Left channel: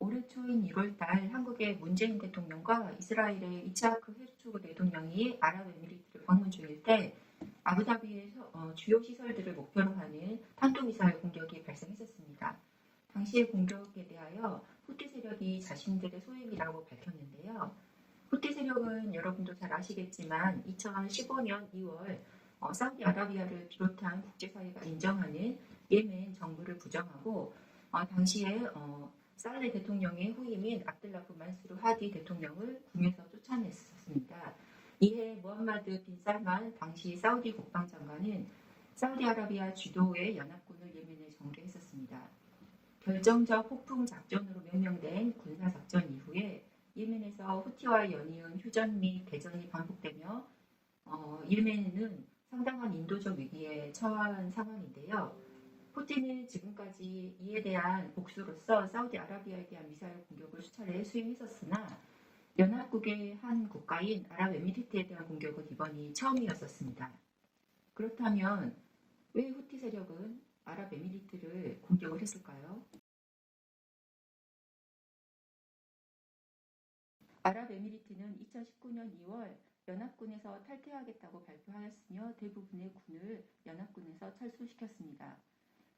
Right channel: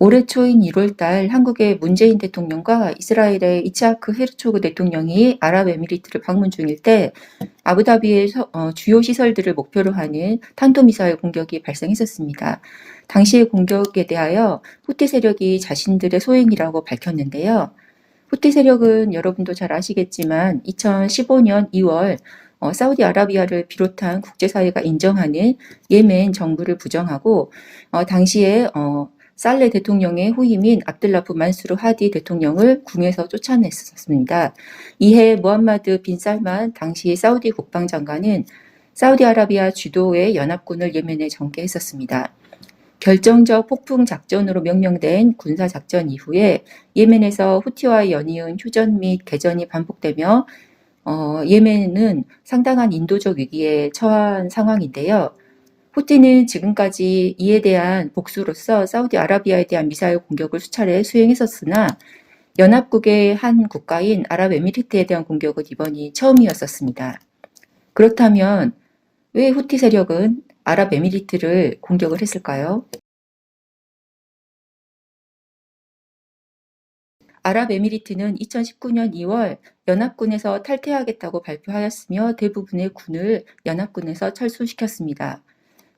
올해 초인 1월 달 한국의 문재인 대통령과 이스라엘의 이츠하크 헤르초그 대통령이 아랍에미리트를 방문 중일 때 아부다비의 서- 어, 주요 시설들을 목표로 하는 탄도미사일 공격이 발생했었습니다. 당시의 공격에 대하여 후티 세력이 자신들의 소행이라고 밝혔는데요. 후티 세력은 여러분도 잘 아시겠지만 2015년 2월 어, 사우디아라비아를 비롯한 국제사회가 인정하는 예멘 정부를 부정하고 어, 당시에 어, 살레 대통령의 후임인 압들라프 만수르 하디 대통령을 궁에서 쫓아냈었습니다. 이해 무함마드 빈 살만 당시 사우디 국방장관은 사우디아라비아 주도의 연합군을 예멘에 전개했었습니다. 결정적 폭풍 작전으로 명명된 군사 작전 이후에 예멘에서 후티와 연이은 휴전 및 개전이 반복되며 어, 예멘은 상당한 인도적 위기에 처한 상황인데요. 후티는 지금까지 이에 대한 복수로서 사우디아라비아에 대한 미사일 공격을 수차례 수행했었으나 연합국의 한 국가인 아랍에미리트에 대한 공격은 이번이 처음이었었습니다. 그렇다면 왜 후티 세력은 아랍에미리트를 공격을 했을까요? 아랍에미리트는 2019년 2월 연합군에서 탈퇴하겠다고 발표하였으며 대부분의 군을 연합군에서 철수시켰습니다.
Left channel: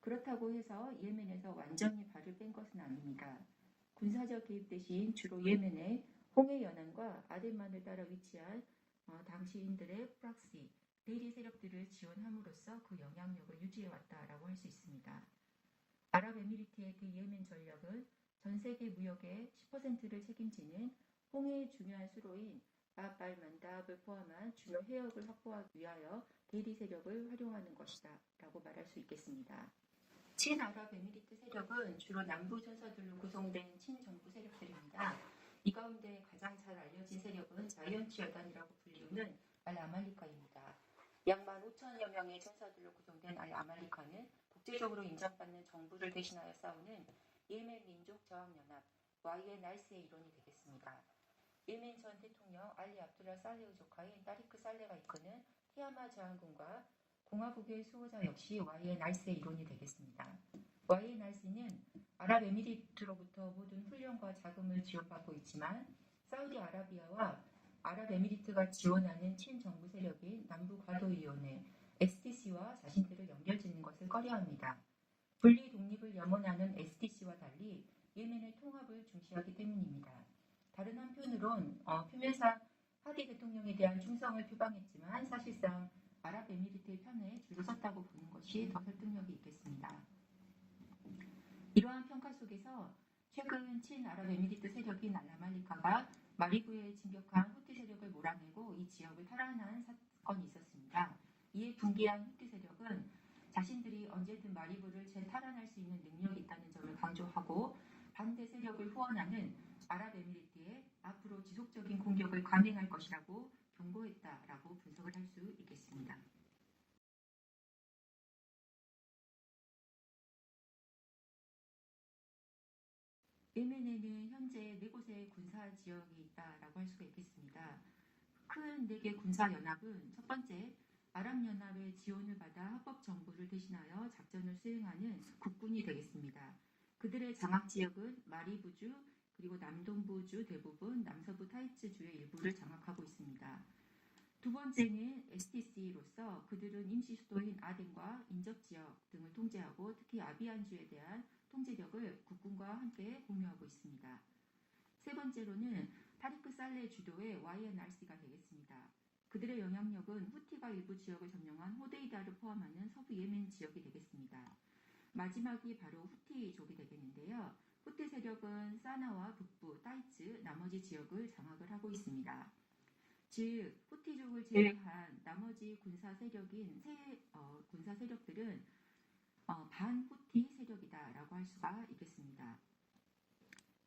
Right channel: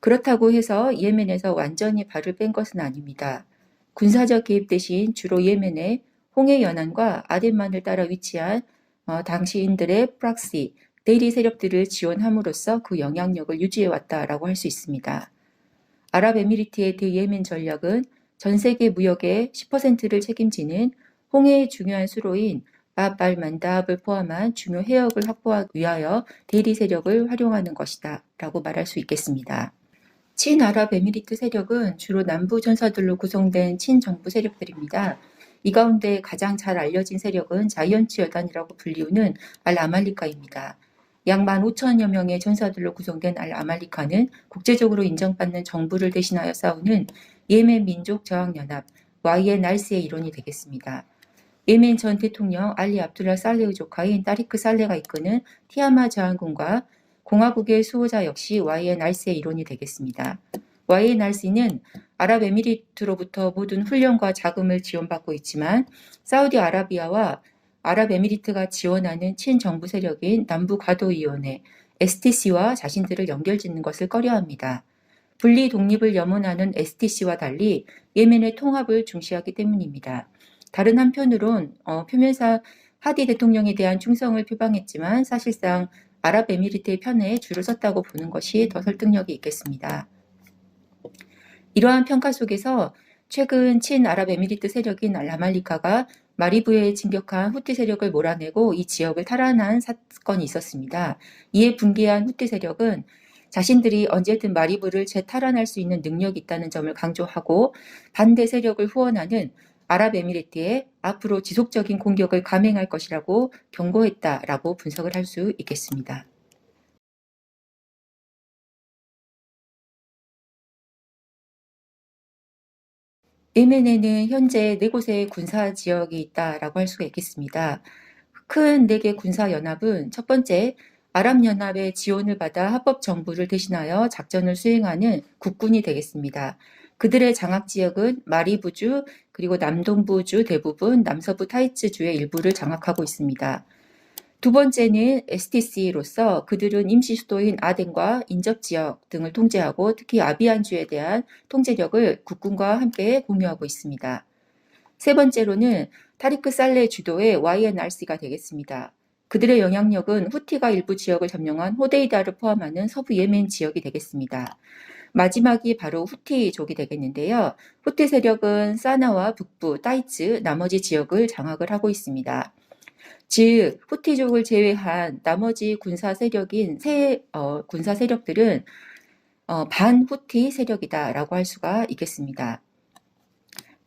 그렇다고 해서 예멘에서 완전히 발을 뺀 것은 아닙니다. 군사적 개입 대신 주로 예멘의 홍해 연안과 아덴만을 따라 위치한 어, 당시인들의 프락시, 대리 세력들을 지원함으로써 그 영향력을 유지해 왔다라고 할 수 있습니다. 아랍에미리트의 대예멘 전략은 전 세계 무역의 10%를 책임지는 홍해의 중요한 수로인 바발 만다합을 포함한 중요 해역을 확보하기 위하여 대리 세력을 활용하는 것이다 라고 말할 수 있겠습니다. 친아랍에미리트 세력은 주로 남부 전사들로 구성된 친정부 세력들입니다. 이 가운데 가장 잘 알려진 세력은 자이언츠 여단이라고 불리우는 알 아말리카입니다. 약 15,000여 명의 전사들로 구성된 알 아말리카는 국제적으로 인정받는 정부를 대신하여 싸우는 예멘 민족 저항 연합 YNRC의 일원이 되겠습니다. 예멘 전 대통령 알리 압둘라 살레의 조카인 따리크 살레가 이끄는 티아마 저항군과 공화국의 수호자 역시 YNRC의 일원이 되겠습니다. YNRC는 아랍에미리트로부터 모든 훈련과 자금을 지원받고 있지만 사우디아라비아와 아랍에미리트가 지원하는 친정부 세력인 남부가도위원회 STC와 자신들을 연결짓는 것을 꺼려합니다. 분리 독립을 염원하는 STC와 달리 예멘의 통합을 중시하기 때문입니다. 다른 한편으론 어, 표면상 하디 대통령에 대한 충성을 표방했지만 사실상 아랍에미리트의 편에 줄을 섰다고 보는 것이 더 설득력이 있겠습니다. 이러한 평가 속에서 최근 친아랍에미리트 세력인 알라말리카가 마리브에 진격한 후티 세력을 몰아내고 이 지역을 탈환한 사건이 있었습니다. 이에 분개한 후티 세력은 자신들이 언제든 마리브를 재탈환할 수 있는 능력이 있다는 점을 강조하고 반대 세력을 후원하는 아랍에미리트에 앞으로 지속적인 공격을 감행할 것이라고 경고했다라고 분석을 할 수 있겠습니다. 예멘에는 현재 네 곳의 군사 지역이 있다라고 할 수가 있겠습니다. 큰 네 개 군사 연합은 첫 번째 아랍 연합의 지원을 받아 합법 정부를 대신하여 작전을 수행하는 국군이 되겠습니다. 그들의 장악 지역은 마리부주 그리고 남동부주 대부분 남서부 타이츠주의 일부를 장악하고 있습니다. 두 번째는 STC로서 그들은 임시 수도인 아덴과 인접 지역 등을 통제하고 특히 아비안주에 대한 통제력을 국군과 함께 공유하고 있습니다. 세 번째로는 타리크 살레 주도의 YNRC가 되겠습니다. 그들의 영향력은 후티가 일부 지역을 점령한 호데이다를 포함하는 서부 예멘 지역이 되겠습니다. 마지막이 바로 후티족이 되겠는데요. 후티 세력은 사나와 북부, 따이츠, 나머지 지역을 장악을 하고 있습니다. 즉 후티족을 제외한 나머지 군사 세력인 세 어, 군사 세력들은 어, 반후티 세력이다라고 할 수가 있겠습니다.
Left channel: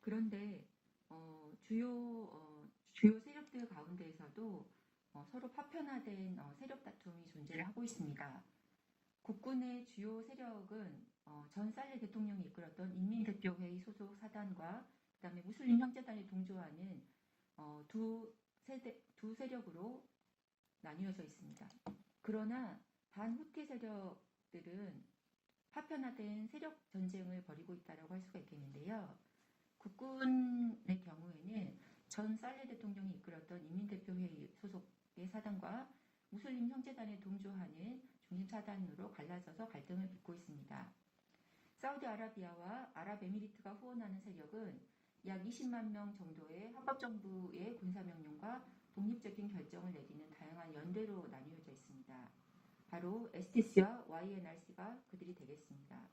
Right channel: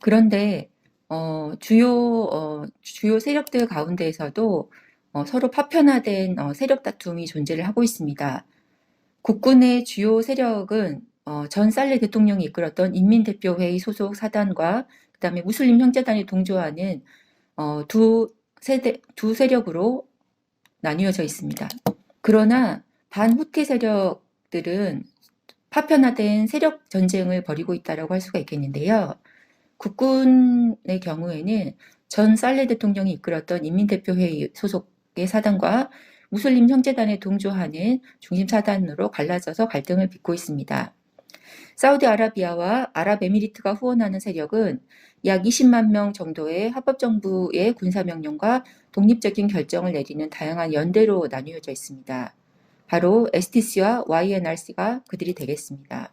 그런데 어, 주요 어, 주요 세력들 가운데에서도 어, 서로 파편화된 어, 세력 다툼이 존재를 하고 있습니다. 국군의 주요 세력은 어, 전 살레 대통령이 이끌었던 인민대표회의 소속 사단과 그다음에 무슬림 형제단이 동조하는 어, 두 세대 두 세력으로 나뉘어져 있습니다. 그러나 반후티 세력들은 파편화된 세력 전쟁을 벌이고 있다라고 할 수가 있겠는데요. 국군의 경우에는 전 살레 대통령이 이끌었던 인민대표회의 소속의 사단과 무슬림 형제단에 동조하는 중심 사단으로 갈라져서 갈등을 빚고 있습니다. 사우디아라비아와 아랍에미리트가 후원하는 세력은 약 20만 명 정도의 합법정부의 군사명령과 독립적인 결정을 내리는 다양한 연대로 나뉘어져 있습니다. 바로 STC와 YNRC가 그들이 되겠습니다.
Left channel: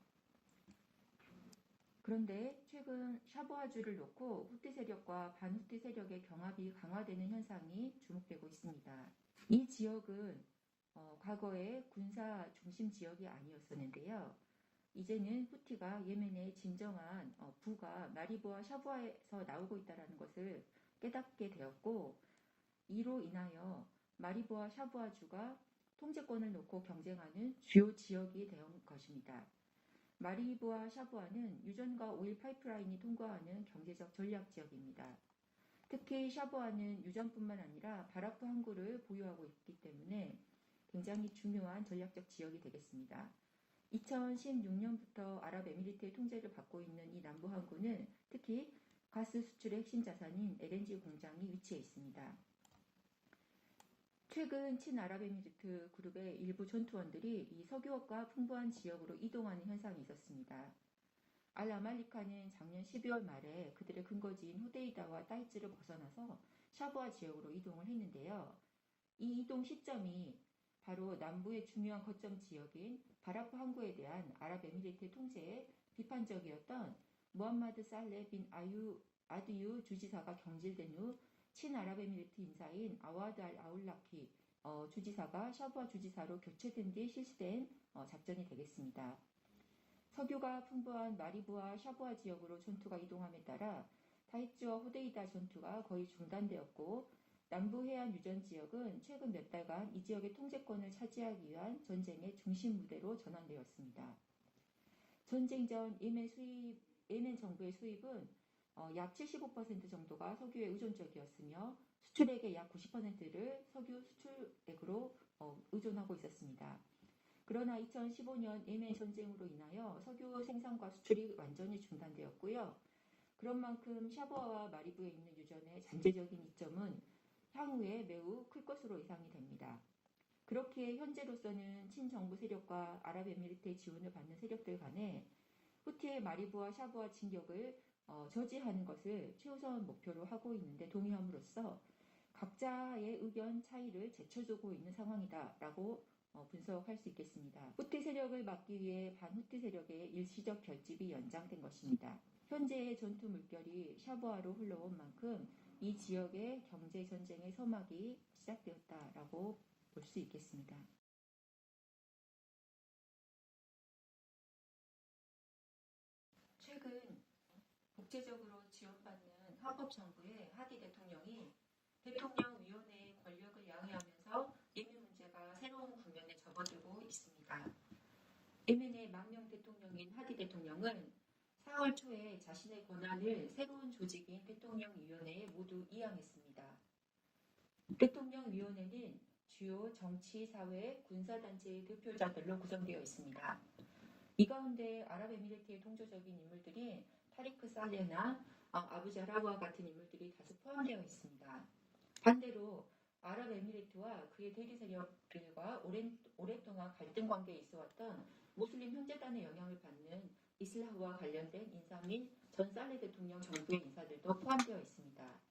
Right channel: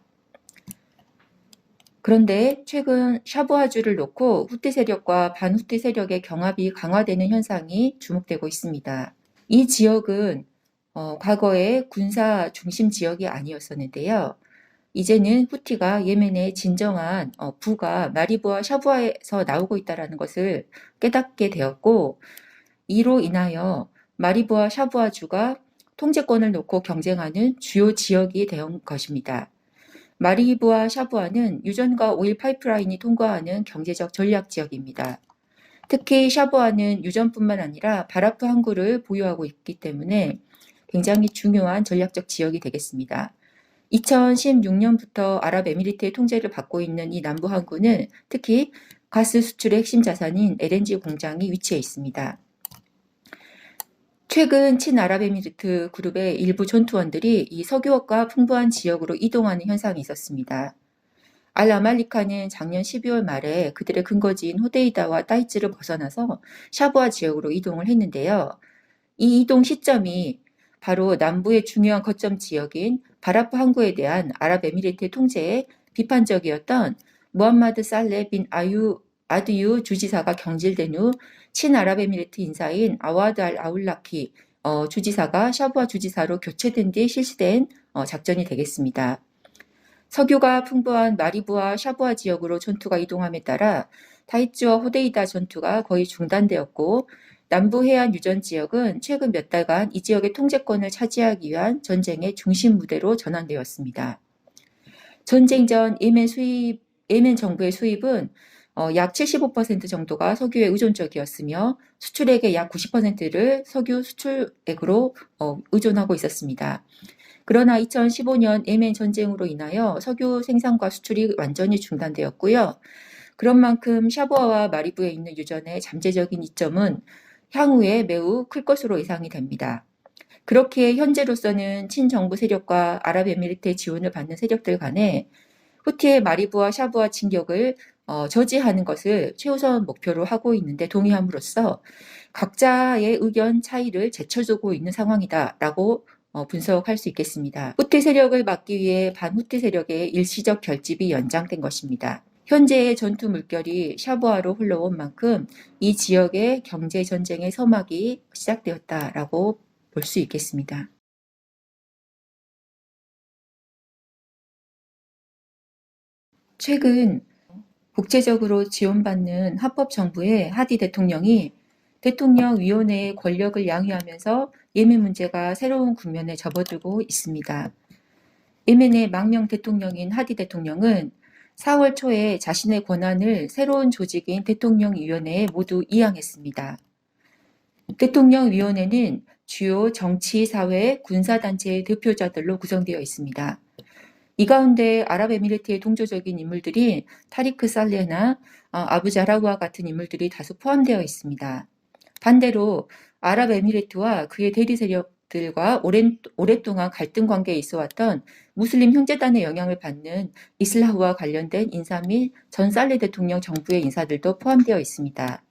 그런데 최근 샤부아주를 놓고 후티 세력과 반후티 세력의 경합이 강화되는 현상이 주목되고 있습니다. 이 지역은 어, 과거에 군사 중심 지역이 아니었었는데요. 이제는 후티가 예멘의 진정한 어, 부가 마리부와 샤부아에서 나오고 있다는 것을 깨닫게 되었고 이로 인하여 마리부와 샤부아주가 통제권을 놓고 경쟁하는 주요 지역이 된 것입니다. 마리부와 샤부아는 유전과 오일 파이프라인이 통과하는 경제적 전략 지역입니다. 특히 샤부아는 유전뿐만 아니라 바라프 항구를 보유하고 있기 때문에 굉장히 중요한 전략적 지역이 되겠습니다. 2016년부터 아랍에미리트의 통제를 받고 있는 이 남부 항구는 특히 가스 수출의 핵심 자산인 LNG 공장이 위치해 있습니다. 최근 친아랍에미리트 그룹의 일부 전투원들이 이 석유업과 풍부한 지역으로 이동하는 현상이 있었습니다. 알-아말리카는 작년 12월 말에 그들의 근거지인 호데이다와 따이츠를 벗어나서 샤부아 지역으로 이동을 했는데요. 이 이동 시점이 바로 남부의 중요한 거점 지역인 바라프 항구에 대한 아랍에미리트의 통제에 비판적이었던 무함마드 살레 빈 아유 아드유 주지사가 경질된 후 친아랍에미리트 인사인 아와드 알 아울라키 어, 주지사가 샤부아 주지사로 교체된 뒤 실시된 어, 작전이 되겠습니다. 석유가 풍부한 마리부와 샤부아 지역으로 전투가 이동함에 따라 타이츠와 호데이다 전투가 거의 중단되었고 남부 해안 유전 지역은 최근 몇 달간 이 지역의 통제권을 차지하기 위한 전쟁의 중심 무대로 전환되었습니다. 전쟁 전 예멘 수입, 예멘 정부의 수입은 어, 약 75% 정도가 석유에 의존적이었으며 수출액의 약 90%를 석유 수출액으로 어, 의존하고 있었습니다. 그러나 2015년 예멘 전쟁으로 인하여 석유 생산과 수출이 완전히 중단되었고요. 그런 만큼 샤부아와 마리부에 있는 유전의 잠재적인 이점은 향후에 매우 클 것으로 예상이 됩니다. 그렇게 현재로서는 친정부 세력과 아랍에미리트의 지원을 받는 세력들 간에 후티의 마리부와 샤부아 진격을 어, 저지하는 것을 최우선 목표로 하고 있는데 동의함으로써 각자의 의견 차이를 제쳐주고 있는 상황이다라고 어, 분석할 수 있겠습니다. 후티 세력을 막기 위해 반후티 세력의 일시적 결집이 연장된 것입니다. 현재의 전투 물결이 샤부아로 흘러온 만큼 이 지역의 경제 전쟁의 서막이 시작되었다라고 볼 수 있겠습니다. 최근 국제적으로 지원받는 합법 정부의 하디 대통령이 대통령 위원회의 권력을 양위하면서 예멘 문제가 새로운 국면에 접어들고 있습니다. 예멘의 망명 대통령인 하디 대통령은 4월 초에 자신의 권한을 새로운 조직인 대통령위원회에 모두 이양했습니다. 대통령위원회는 주요 정치, 사회, 군사단체의 대표자들로 구성되어 있습니다. 이 가운데 아랍에미리트의 동조적인 인물들이 타리크 살레나 어, 아부자라우와 같은 인물들이 다수 포함되어 있습니다. 반대로 아랍에미리트와 그의 대리 세력들과 오랜, 오랫동안 갈등 관계에 있어 왔던 무슬림 형제단의 영향을 받는 이슬라흐와 관련된 인사 및 전 살레 대통령 정부의 인사들도 포함되어 있습니다.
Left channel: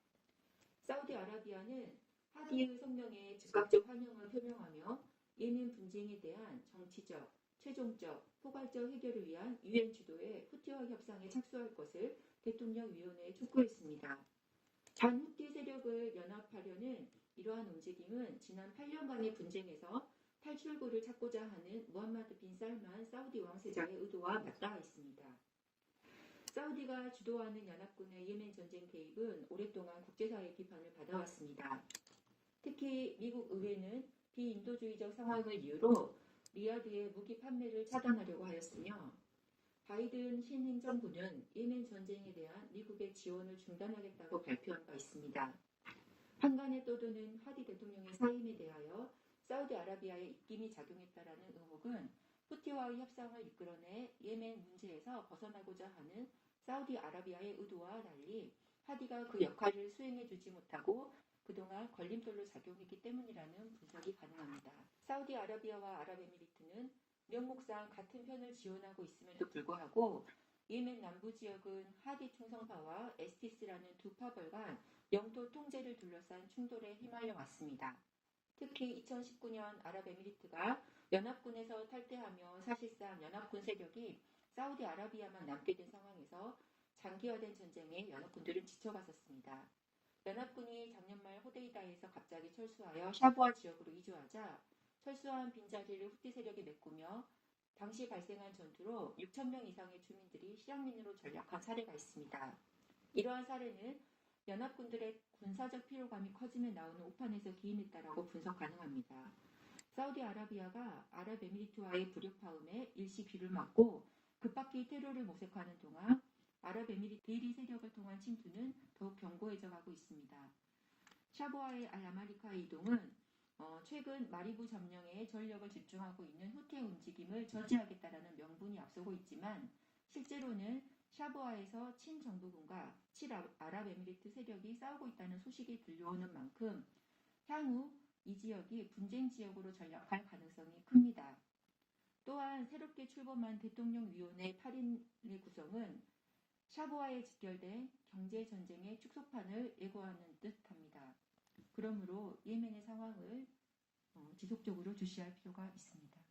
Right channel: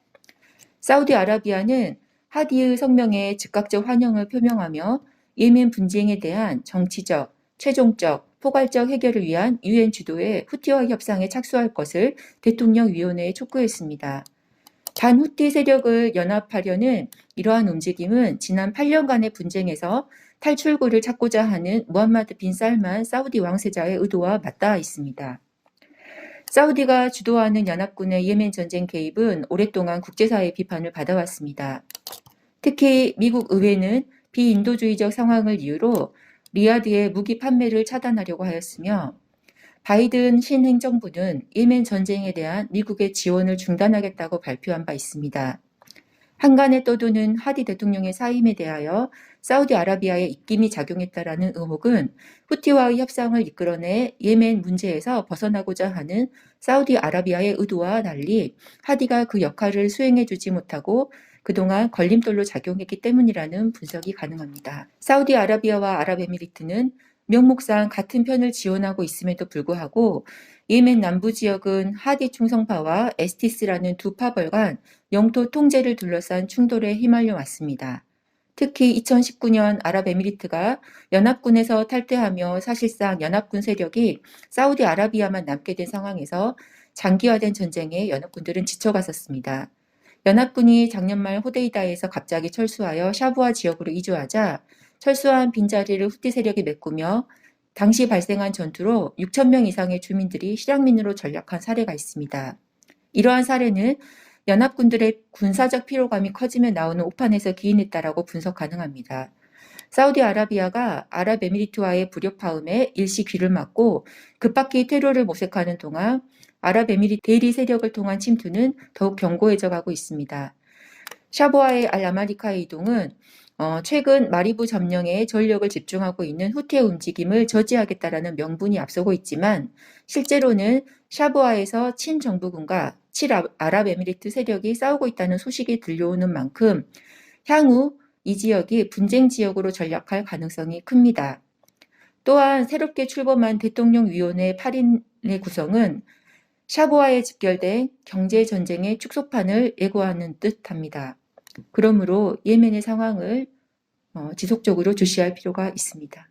사우디아라비아는 하디의 성명에 즉각적 환영을 표명하며 예멘 분쟁에 대한 정치적, 최종적, 포괄적 해결을 위한 유엔 주도의 후티와 협상에 착수할 것을 대통령 위원회에 촉구했습니다. 단 후티 세력을 연합하려는 이러한 움직임은 지난 8년간의 분쟁에서 탈출구를 찾고자 하는 무함마드 빈 살만 사우디 왕세자의 의도와 맞닿아 있습니다. 사우디가 주도하는 연합군의 예멘 전쟁 개입은 오랫동안 국제사회의 비판을 받아왔습니다. 특히 미국 의회는 비인도주의적 상황을 이유로 리아드의 무기 판매를 차단하려고 하였으며 바이든 신행정부는 예멘 전쟁에 대한 미국의 지원을 중단하겠다고 발표한 바 있습니다. 한간에 떠도는 하디 대통령의 사임에 대하여 사우디아라비아의 입김이 작용했다라는 의혹은 후티와의 협상을 이끌어내 예멘 문제에서 벗어나고자 하는 사우디아라비아의 의도와 달리 하디가 그 역할을 수행해주지 못하고 그동안 걸림돌로 작용했기 때문이라는 분석이 가능합니다. 사우디아라비아와 아랍에미리트는 명목상 같은 편을 지원하고 있음에도 불구하고 예멘 남부 지역은 하디 충성파와 에스티스라는 두 파벌 간 영토 통제를 둘러싼 충돌에 휘말려 왔습니다. 특히 2019년 아랍에미리트가 연합군에서 탈퇴하며 사실상 연합군 세력이 사우디아라비아만 남게 된 상황에서 장기화된 전쟁에 연합군들은 지쳐갔었습니다. 연합군이 작년 말 호데이다에서 갑자기 철수하여 샤부아 지역으로 이주하자 철수한 빈자리를 후티 세력이 메꾸며 당시 발생한 전투로 6천 명 이상의 주민들이 실향민으로 전락한 사례가 있습니다. 이러한 사례는 연합군들의 군사적 피로감이 커지며 나오는 오판에서 기인했다라고 분석 가능합니다. 사우디아라비아가 아랍에미리트와의 불협화음에 일시 귀를 막고 급박히 테러를 모색하는 동안 아랍에미리 대리 세력을 통한 침투는 더욱 견고해져 가고 있습니다. 샤보아의 알라마리카의 이동은 어, 최근 마리부 점령에 전력을 집중하고 있는 후티의 움직임을 저지하겠다라는 명분이 앞서고 있지만 실제로는 샤보아에서 친정부군과 칠아랍에미리트 세력이 싸우고 있다는 소식이 들려오는 만큼 향후 이 지역이 분쟁 지역으로 전락할 가능성이 큽니다. 또한 새롭게 출범한 대통령위원회 8인의 구성은 샤보아에 집결된 경제 전쟁의 축소판을 예고하는 듯합니다. 그러므로 예멘의 상황을 어, 지속적으로 주시할 필요가 있습니다.